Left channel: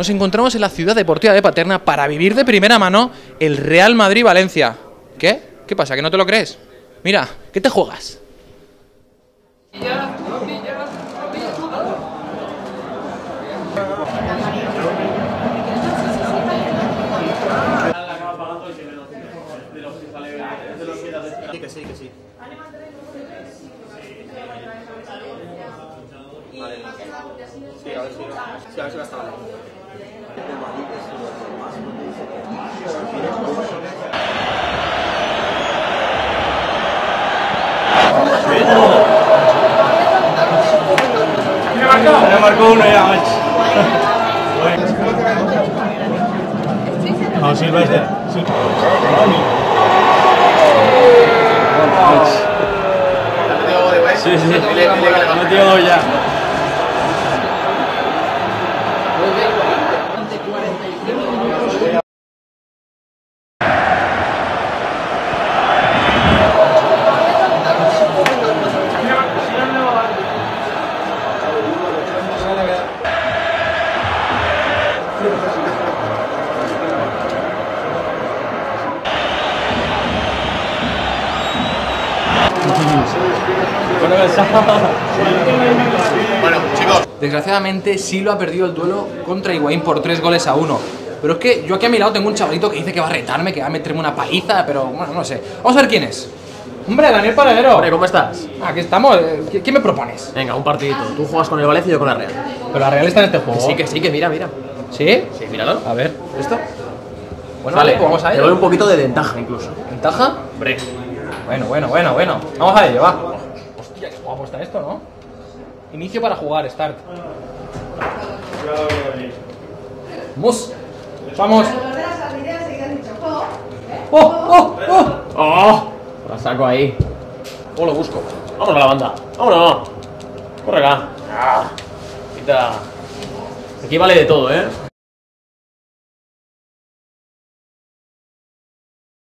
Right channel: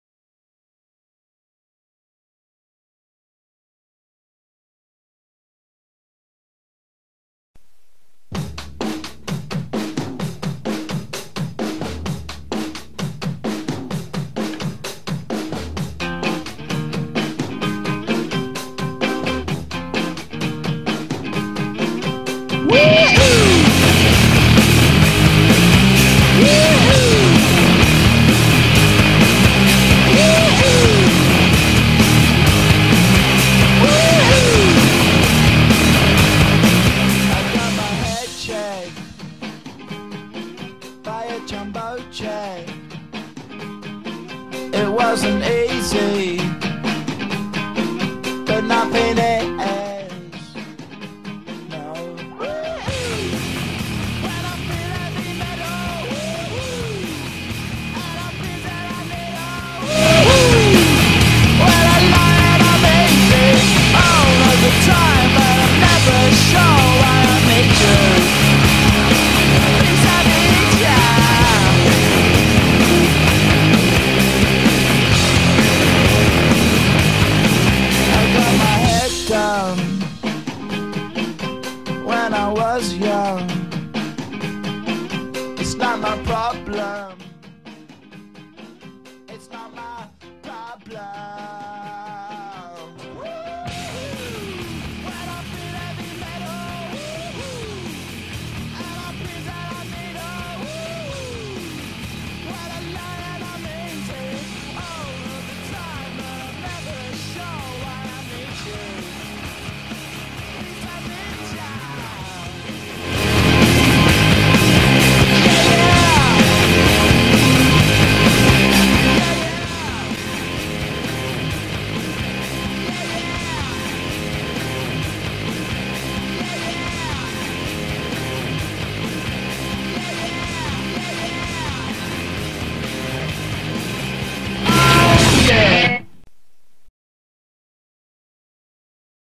nos encontramos en la ciudad deportiva de Paterna para vivir de primera mano el Real Madrid-Valencia. ¿Qué? ¿Qué pasa? ¿Que no te lo crees? Mira, ¿qué te juegas? Ya marcó uno ya, macho. No, Silva es de... Sí, metió ya. Bueno, chicos. Desgraciadamente, Silva ha perdido el duelo contra Higuaín por 3-1. Pero es que yo aquí a mi lado tengo un chavalito que dice que va a retarme, que va a meterme una paliza, pero bueno, no sé. Vamos a ver quién es. Hombre, Daniel Paradero. Hombre, ¿cómo estás? Aquí estamos. ¿Qué me propones? Venga, un partidito. Tú juegas con el Valencia y yo con la Real. Pero la Real está en este juego. Sí, que mira. ¿Sí? Sí, míralo. A ver. ¿Esto? Bueno, Vale, pues vamos a te ello. doy un poquito de ventaja incluso. ¿Ventaja? Hombre. Bueno. Vamos a ello, va. Vamos. ¡Oh! Taco ahí. ¿Cómo lo busco? Vámonos a la banda. Vámonos. Corre acá. Ya. Aquí vale de todo, ¿eh?